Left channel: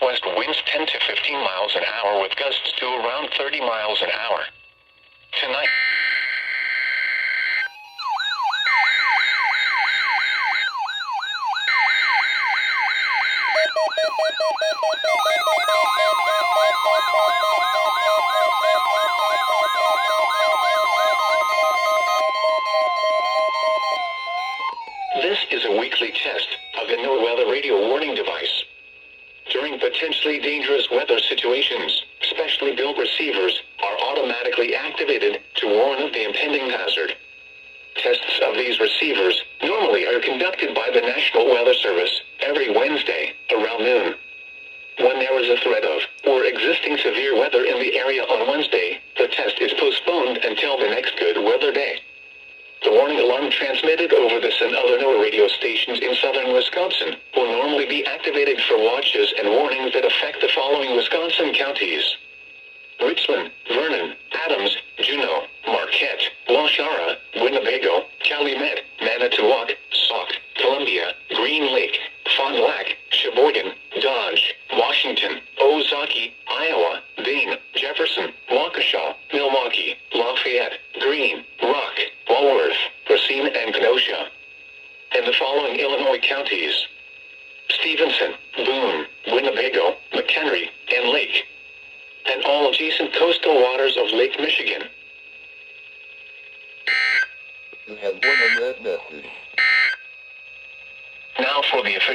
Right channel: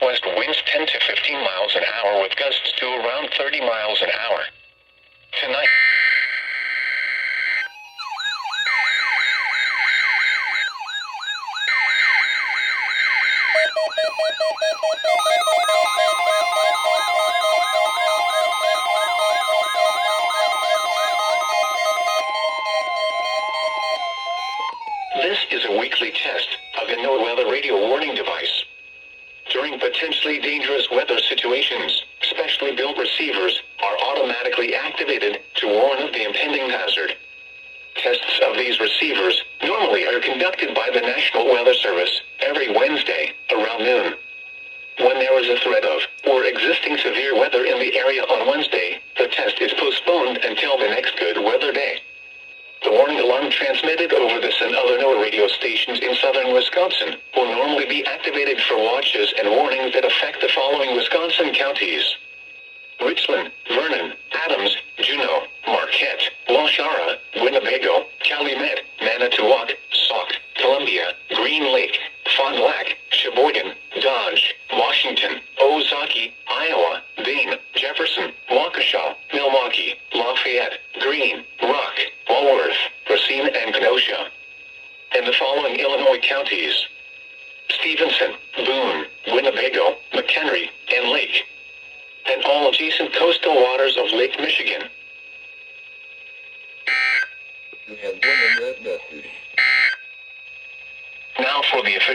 northwest winds 10 to 15 miles an hour with gusts to around 30 miles an hour. Tonight. This is a weekly test of the NOAA radio warning device. During potentially dangerous weather situations, specially built receivers are automatically activated to warn of the impending hazard. Tests of these receivers normally are conducted by the National Weather Service every Wednesday around noon. When there is a threat of or existing severe weather in the area on Wednesday, the test is postponed until the next good weather day. The warning alarm transmitted over this and other NOAA radio stations in southern Wisconsin will normally be activated for watches and warnings that affect the following Wisconsin counties: Richland, Vernon, Adams, Juneau, Marquette, Waushara, Winnebago, Calumet, Manitowoc, Sauk, Columbia, Green Lake, Fond du Lac, Sheboygan, Dodge, Washington, Ozaukee, Iowa, Dane, Jefferson, Waukesha, Milwaukee, Lafayette, Greene, Rock, Walworth, Racine, and Kenosha. And the following Illinois counties: Stevenson, Boone, Winnebago, McHenry, and Lake, and all adjacent coastal waters of Lake Michigan. You have one unread message. Now for the official